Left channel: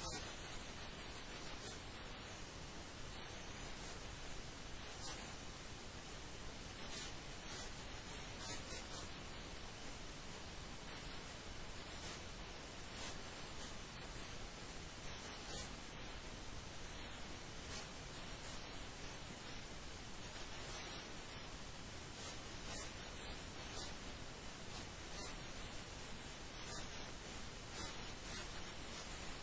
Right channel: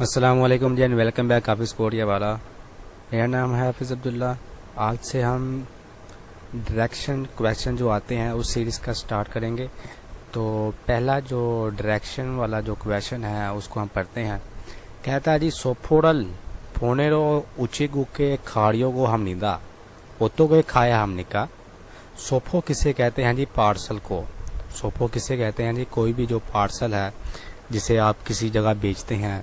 السلام علیکم جی، welcome back حافظ کوٹیا والا. میرا نام ہے حافظ عبداللہ. آج سے ہم ڈائریکشن کویشچن جو آتے ہیں اس سیریز کا سٹارٹ کریں گے. تو پہلا جو ڈائریکشن والا جو کویشچن ہے اس کو ہم پڑھتے ہیں. کہتا ہے جی سوپھوڑل پھونیرو اونچی گو کے کھاڑیوں کو ہم نیدا پوتوں کو کھایا ہم نکا. سوپھو کسے کہتے ہیں جی؟ پارسل کو. سوپھو کسے کہتے ہیں جی؟ کوئی بھی جو پارسل ہے جسے آپ کسی جگہ بیچتے ہیں،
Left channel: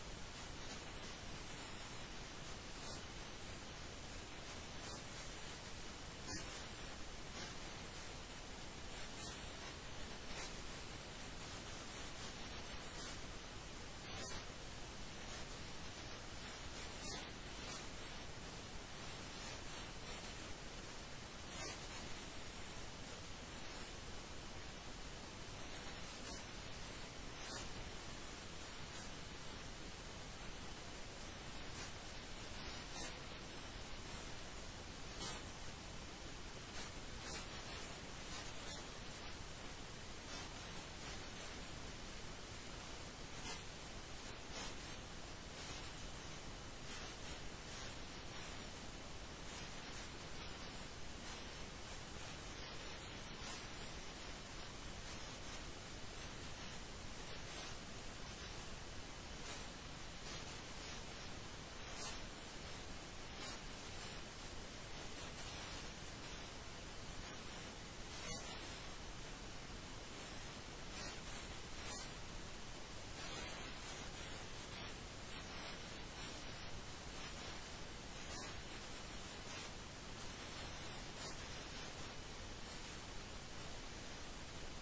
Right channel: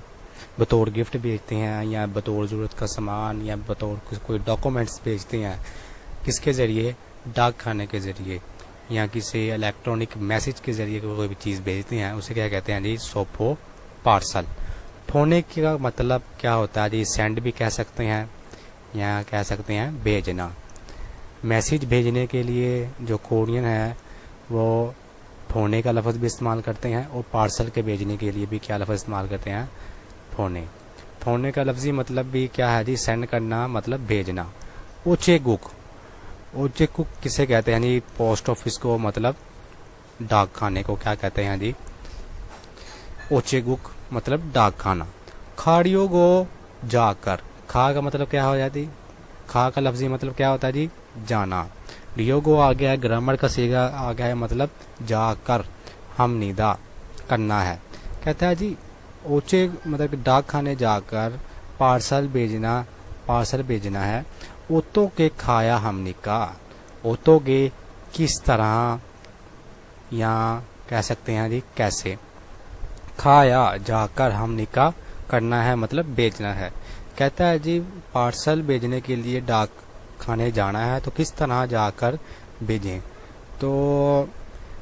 بطور گفٹ بیچتے ہیں یا بطور ضرورت کا سامان یا بطور کوئی ڈاکومنٹس بیچتے ہیں. کس کے ذریعے؟ ڈاک خانے کے ذریعے یا کسی الیکٹرانک میسج کے ذریعے کوئی بھی چیز بھیجتے ہیں اسے کیا کہتے ہیں جی؟ سوپو پارسل. پھونے کا مطلب کیا ہوتا ہے جی؟ سینڈ بھی کہہ سکتے ہیں یا کہہ سکتے ہیں بھیجنا. میسج بھیجنے کے لیے جو کورین ہے وہ پھونے کا لفظ بھی استعمال کرتے ہیں، اور پارسل کے بھیجنے کے لیے بھی کیا لفظ استعمال کرتے ہیں؟ پھونے. پھونے کا لفظی مطلب بھی کیا ہے جی؟ سینڈ کرنا مطلب بھیجنا. اوچے گک. اوچے گک کسے کہتے ہیں جی؟ پوسٹ آفس کو، مطلب ڈاک خانے کو کیا کہتے ہیں جی؟ اوچے گک مطلب ڈاک خانہ. کھاڑیوں کو جا کر. کھا کا مطلب کیا ہو جاتی؟ کھا کا لفظی مطلب کیا ہوتا ہے جی؟ جانا. ریوگو آ گیا ہے، گرامر کا صیغہ آ گیا ہے، مطلب جا کر ہم نیدا کرنا ہے. کہتا ہے جی اوچے مطلب ڈاک خانے جا کر پارسل بھیجنا ہے. اوتو کے کھایا ہم نے کا. اوتو کے کس طرح یا کہہ سکتے ہیں جی کیسے. کھایا جا کر ہم نے کا کرنا ہے مطلب بیچنا ہے. کہتا ہے جی پارسل بھیجنے کے لیے ڈاک خانے جانا ہے تو کس طرح جا کر بھیجیں. تو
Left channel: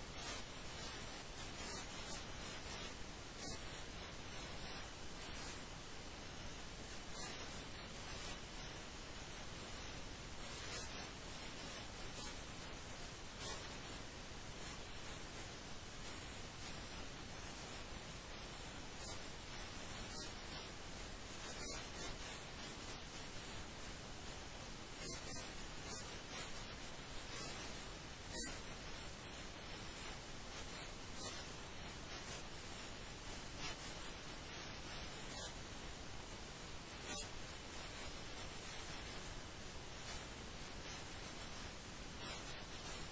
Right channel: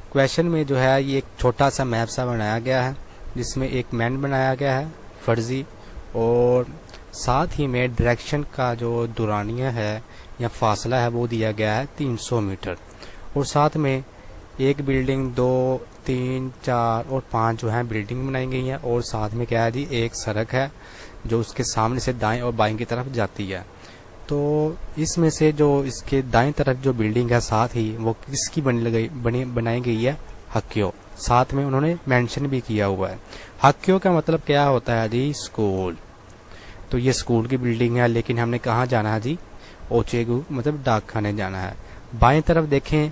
کویشچن میں جو ہے یہ ایک چھوٹا سا میپ سا بنایا گیا ہے جس میں ایک مین بنایا گیا ہے فرضی، اور ساتھ ہی میں ڈائریکشن کا جو دورانیہ ہے یا فاصلہ ہے وہ دیا گیا ہے 300 میٹر. اور ساتھ میں ایک بلڈنگ، 2، 3، 4 اور 5 جو ہیں بلڈنگ بنائی گئی ہیں، اور ساتھ میں کیا ہے جی ایک سڑک ہے جو اس کے سامنے سے دائیں اور بائیں کی طرف جاتی ہے. تو اس میں سے جو اس کے دائیں طرف جو بلڈنگ ہے ساتھ ہی وہ کس کی بنائی گئی ہے؟ ہکیو. ساتھ میں انہوں نے مینشن بھی کیا ہوا ہے. ہکیو کا مطلب کیا ہوتا ہے جی؟ اسکول. تو یہ اسکول کی بلڈنگ ہے، لیکن ہم نے کہاں جانا ہے جی؟ اوچیگو مطلب ڈاک خانے جانا ہے. بائیں طرف دیکھیں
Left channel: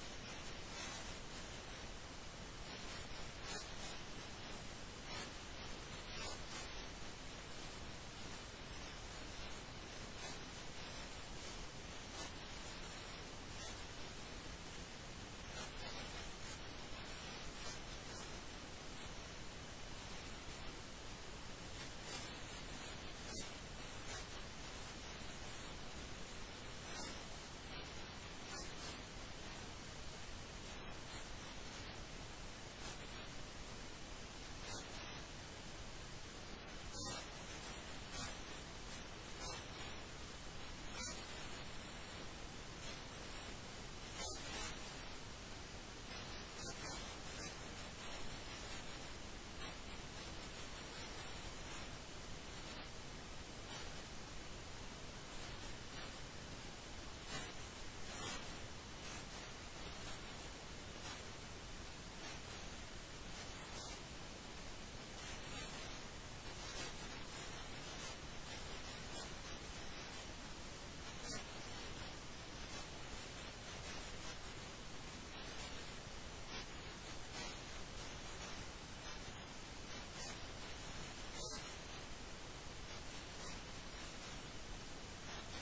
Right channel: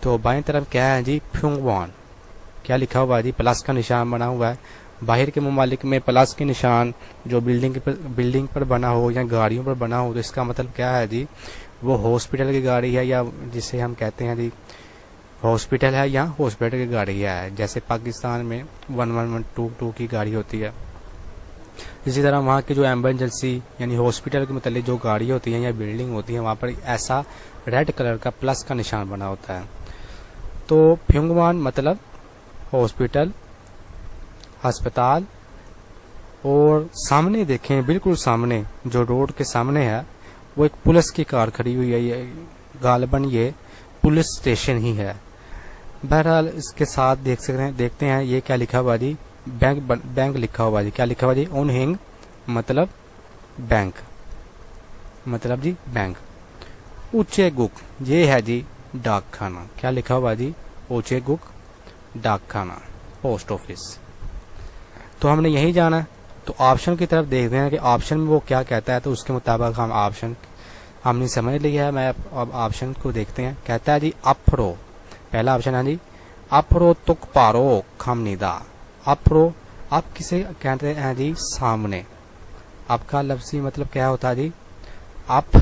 تو بائیں طرف کیا ہے جی؟ پھیونگوان. کیا لکھا ہوا ہے جی؟ پلس کا نشان بنا ہوا ہے. باہر کے ممالک میں پلس کے نشان جو بلڈنگ پر بنا ہو یا گاڑیوں پر بنا ہو تو اس کا مطلب کیا ہے جی؟ وہ ہاسپٹل کی گاڑی ہے، یا جسے ہم کہتے ہیں جی ہاسپٹل ہے یا ہاسپٹل کی گاڑی ہے. جیسے پاکستان میں 1112 کی گاڑی ہوتی ہے، اسی طرح وہاں کی جو ایمرجنسی یعنی ہاسپٹل کے متعلق جو گاڑی ہوتی ہیں یا بلڈنگ ہوتی ہیں وہاں پر ایسا ریڈ کلر کا پلس کا نشان بنا ہوتا ہے. تو پھیونگوان مطلب ہاسپٹل، ہسپتال. اور سامنے دیکھیں، بالکل سامنے جو روڈ کے سامنے ہے وہ ایک پولیس کی کار کھڑی ہوئی ہے. یہ غالباً یہ پولیس اسٹیشن ہی ہے. بہرحال اس کے ساتھ دیکھتے ہیں یہ کیا لکھا ہوا جی؟ بینک لکھا ہوا جی. کیا لکھا ہوا جی؟ اون ہنگ مطلب بینک، مطلب جی بینک. اونچے گک یہ ہے جی ڈاک خانہ. کیا لکھا ہوا جی؟ اونچے گک ڈاک خانہ، پوسٹ آفس. تو ہم نے یہی جانا ہے. تو آپشن کی طرف دیکھتے ہیں کہ آپشن میں وہ کیا کہتا ہے، تو اس کے مطابق ہم نے سمجھ لیا ہے. میں اب آپشن کو دیکھتے ہیں. کہتا ہے جی اپرو. پہلا آپشن ہے جی اپرو تک پارو کھم نیدا. اپرو آپ کسے کہتے ہیں جی؟ سامنے. آپ کا لفظی مطلب کیا ہوتا ہے جی؟ اپ.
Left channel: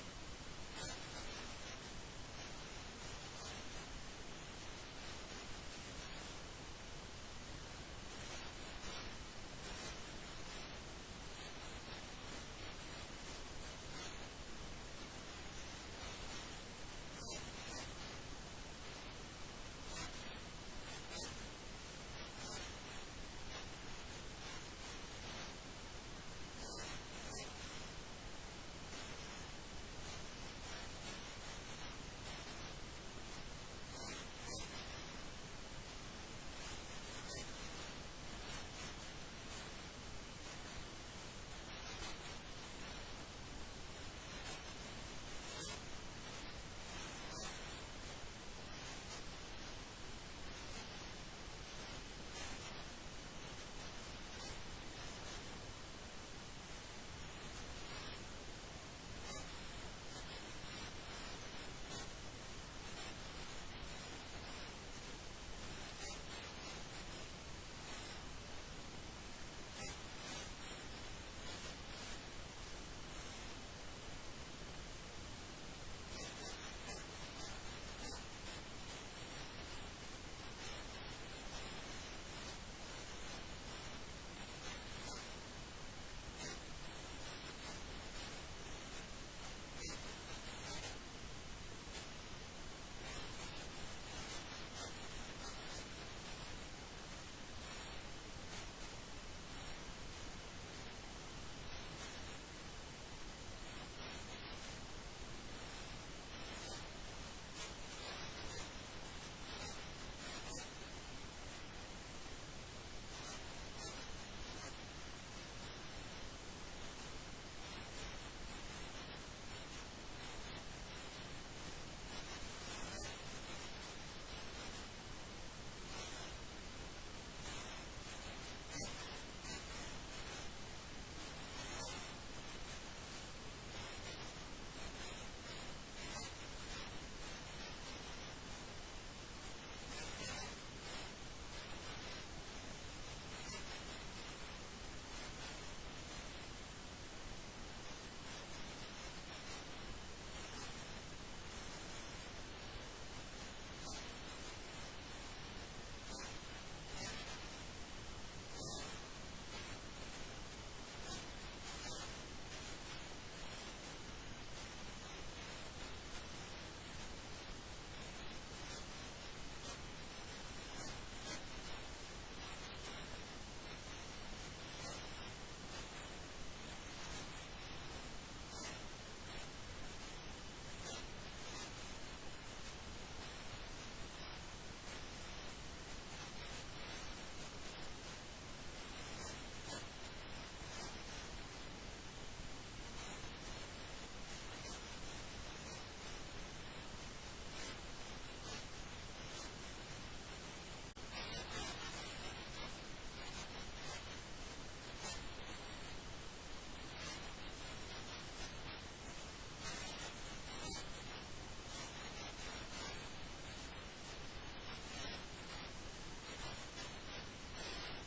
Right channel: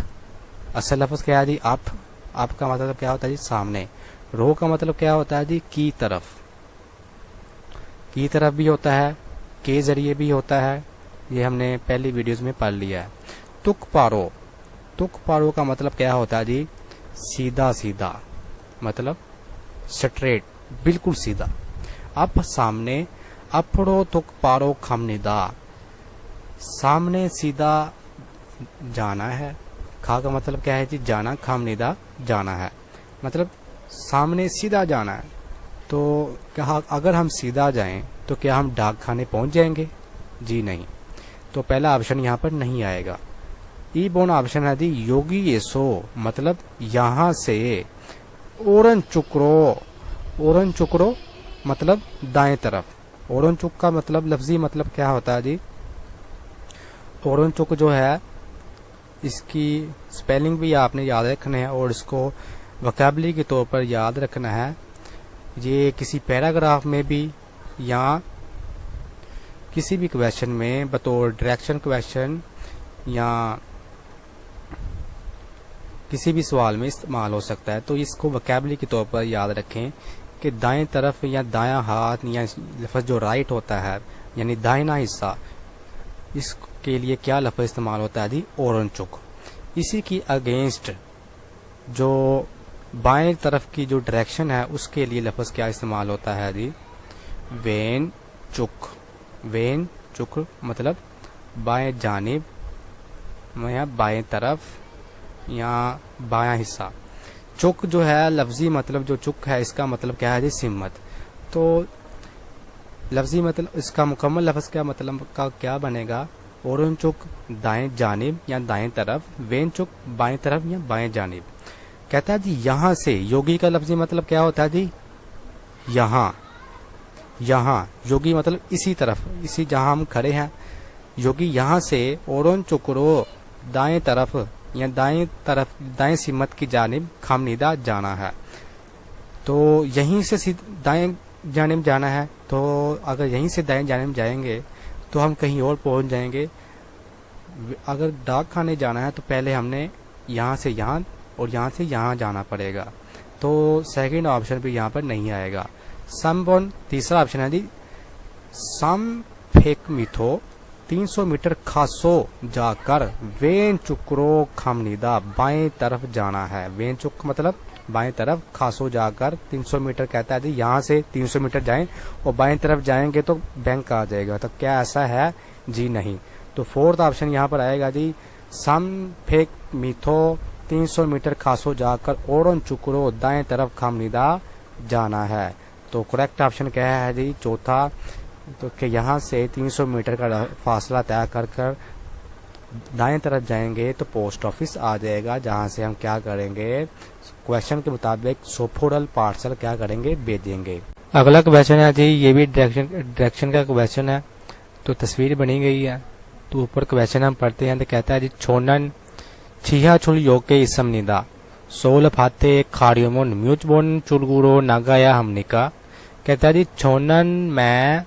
اصل لفظ کیا ہے جی؟ اپ. آپ کا مطلب کیا ہوتا ہے جی؟ سامنے. رو کا مطلب کیا ہوتا ہے جی؟ کی طرف. کی طرف بھی ہوتا ہے، کے ذریعے بھی ہوتا ہے. یہ ہم نے پہلی ویڈیوز میں پڑھ لیا ہے. تک پارو. تک پارو کا مطلب کیا ہوتا ہے جی؟ سیدھا سیدھا، مطلب سٹریٹ، بالکل سیدھا. اب سامنے اپڑو تک پارو کھم نیدا. سامنے سیدھا جانا ہے. کھا کا مطلب کیا ہے جی؟ جانا. کھم نیدا جانا ہے، مطلب سامنے سیدھا جانا ہے. تو اگر ہم سیدھا جائیں تو کیا ہم ڈاک خانے پہنچ جائیں گے؟ جی نہیں. تو پہلا آپشن یہاں پر نہیں آئے گا. ای بون آپشن ہے جی یوگی ایسو مطلب یہاں سے. اورن چکرو. اورن چکرو مطلب دائیں طرف. اورن چک کا مطلب لفظی مطلب کیا ہوتا ہے جی؟ اورن چک جو ہے اس کی سپیلنگ بھی آپ نے یاد رکھنا ہے اور اس کو وکیبلری کے طور پر یاد رکھنا ہے. یہ کسی پیراگراف میں بھی یا کسی بھی کویشچن میں بطور ڈائریکشن کویشچن یا کسی بھی سوال میں استعمال ہو سکتا ہے. تو اس کو وکیبلری کے طور پر یاد رکھیں کہ دائیں طرف یا دایاں ہاتھ یا لفظ جو رائٹ ہوتا ہے یعنی دائنا حصہ، اس کے لیے کیا لفظ استعمال ہوتا ہے جی؟ اورن چک. اسی کی اگینسٹ جو بائیں طرف کی جو ڈائریکشن ہے اس کے لیے لفظ کیا استعمال ہوتا ہے جی؟ وین چک. وین چک مطلب بائیں جانب یا بائیں طرف یا بایاں حصہ. چک جو ہے لفظی مطلب جو چک ہے اس کا مطلب کیا ہے جی؟ سمت. تو لفظی مطلب اس کا مکمل لفظ کیا مطلب کا کیا بنے گا؟ اورن چک دائیں جانب یا دائیں طرف، وین چک بائیں طرف یا بائیں جانب. کہتا ہے جی یہاں سے، یوگی کا لفظی مطلب کیا ہوتا ہے جی؟ یہاں. یہاں یوگی مطلب اسی طرف، اسی جہاں ہم کھڑے ہیں. یوگی یہاں سے اورن چکرو دائیں طرف یا دائیں طرف دائیں سمت کی جانب خامنیدہ جانا ہے. تو یہیں سے دائیں جانب جانا ہے. تو اگر یہیں سے دائیں جانب جائیں گے تو ہم کہیں اور پہنچ جائیں گے. اگر ڈاک خانے جانا ہے تو پہلے ہم نے یہاں سے یہاں اور یہاں سے یہاں جانا پڑے گا. تو سیکنڈ آپشن بھی یہاں پر نہیں آئے گا. سم بون تیسرا آپشن ہے جی سم پھیک میتھو 300 میٹر کھاسو جا کر وین چکرو خامنیدہ بائیں طرف جانا ہے. وین چک مطلب بائیں طرف، کھاسو جا کر 300 میٹر کہتا ہے جی یہاں سے 300 میٹر جائیں اور بائیں طرف جائیں گے تو بینک آ جائے گا. تو کیا ایسا ہے جی؟ نہیں. تو فورتھ آپشن یہاں پر آئے گا جی سم پھیک میتھو 300 میٹر کھاسو جا کر اورن چکرو دائیں طرف خامنیدہ جانا ہے. تو کریکٹ آپشن کیا ہے جی؟ چوتھا. تو کہ یہاں سے 300 میٹر کا فاصلہ طے کر کر دائیں طرف جائیں گے تو پوسٹ آفس آ جائے گا، جہاں سے ہم کیا کریں گے؟ کویشچن کے مطابق سوپورل پارسل کیا کریں گے؟ بھیجیں گے. اگلا کویشچن ہے جی یہ بھی ڈائریکشن کا کویشچن ہے. تو تصویر بنی گئی ہے. تو اوپر کویشچن ہم پڑھتے ہیں تو کہتا ہے جی چھونن چھیا چھل یوکے اسم ندا سول پھاتے کھاڑیومون میوچ بون چلگورو ناگایا ہم نکا. کہتا ہے جی چھونن میں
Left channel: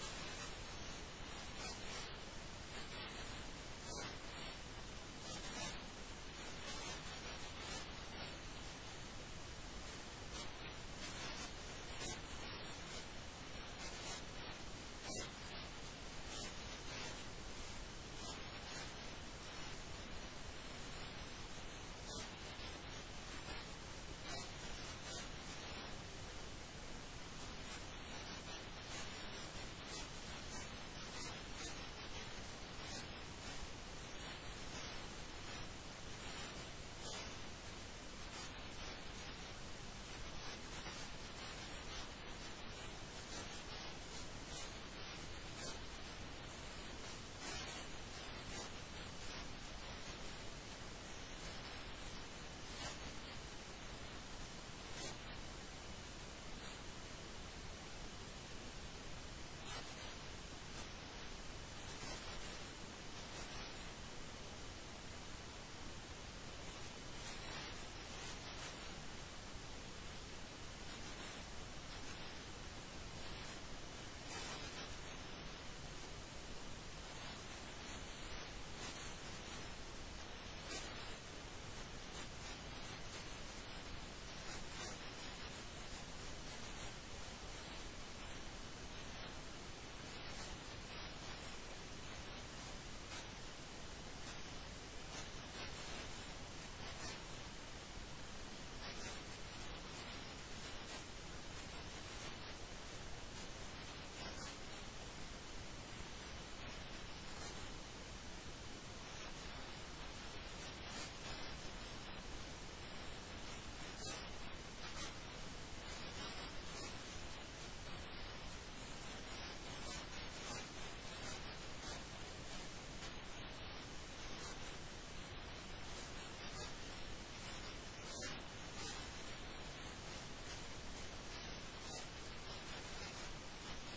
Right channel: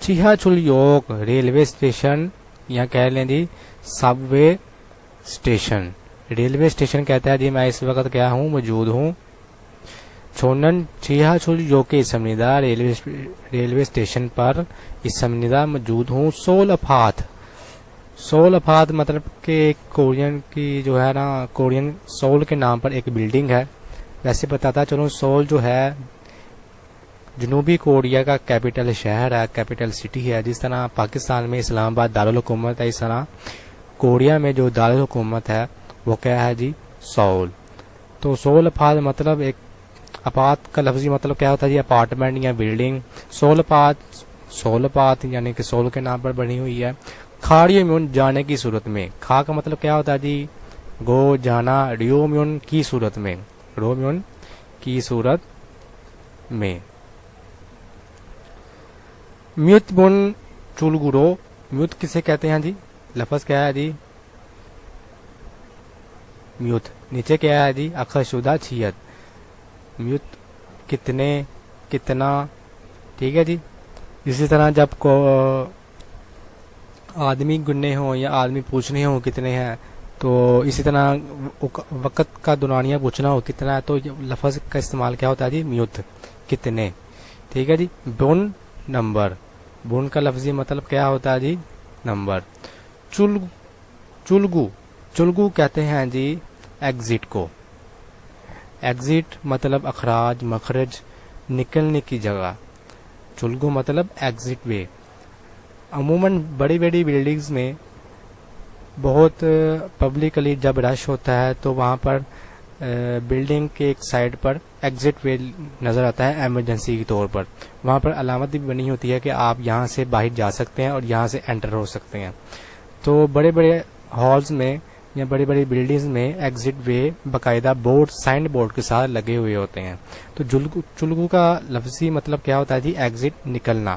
چھیا چھل یوک ریلوے اسٹیشن یا کہہ لیں جی سب وے اسٹیشن. ریلوے اسٹیشن کہتا ہے جی میں اس وقت کیا ہوں؟ موجود ہوں. چھونن چھیا چھل یوکے اسم ندا ریلوے اسٹیشن پر اسم ندا موجود ہوں. سول افات، سول افات مطلب کہ کورین کی جو ہے نا، کورین سول کے نام پر ایک بلڈنگ ہے. ویسے بتاتا چلوں سول جو ہے جنوبی کوریا کا کیپٹل شہر ہے، کیپٹل سٹی ہے. جس طرح پاکستان میں اسلام آباد دارالحکومت ہے، اس طرح کوریا میں جو دارالحکومت ہے وہ کیا ہے جی؟ سول. تو سول افات مطلب ایک، اپات کا لفظی مطلب کیا ہوتا ہے جی؟ اپارٹمنٹ یا بلڈنگ. سول افات یعنی کہ سول کے نام پر بنی ہوئی ہے. کھاڑیومیون جانے کی صورت میں. کھا کا مطلب کیا ہوتا ہے جی؟ گو جانا. ریومیون کی صورت میں، رومیون کی صورت میں. میوت بن چولگورو، میوت کسے کہتے ہیں جی؟ لفظ کیا ہے جی؟ میوت. نیچے کیا ہے جی؟ اخر شدہ چھیت. میوت کتنے، کتنا. ٹھیک ہے جی. اسی طرح جب کو آدمی گننے ہوں یا آدمی پوچھنے ہوں کتنے ہیں، تو اسی طرح وقت کا دورانیہ پوچھنا ہو کتنا ہے تو لفظ کا استعمال کیا ہوتا ہے جی؟ میوت، کتنے. ٹھیک ہے جی. Bone number. بون کا لفظی مطلب کیا ہوتا ہے جی؟ نمبر. چلگو، چلگو کہتے ہیں جی ایگزٹ کو. ایگزٹ مطلب اخراج، مخرج، نکلنے کی جگہ. چلگو مطلب ایگزٹ وے. عموماً بڑی بڑی بلڈنگز میں بہت پبلکلی جب رش ہوتا ہے تو وہاں پر بلڈنگ کے ایک سائڈ پر ایگزٹ وے نظر آتا ہے ایمرجنسی کے طور پر. وہاں پر علامت بھی بنی ہوتی ہے کہ آپ یہاں سے باہر جا سکتے ہیں اور یہاں سے انٹر ہو سکتے ہیں. تو بڑے بڑے ہالز میں یا بڑی بڑی بلڈنگز میں ایگزٹ وے باقاعدہ بورڈ، سائن بورڈ کے ساتھ لگے ہوئے ہوتے ہیں. تو چلگو کا لفظی مطلب کیا ہوتا ہے جی؟ ایگزٹ، نکلنا.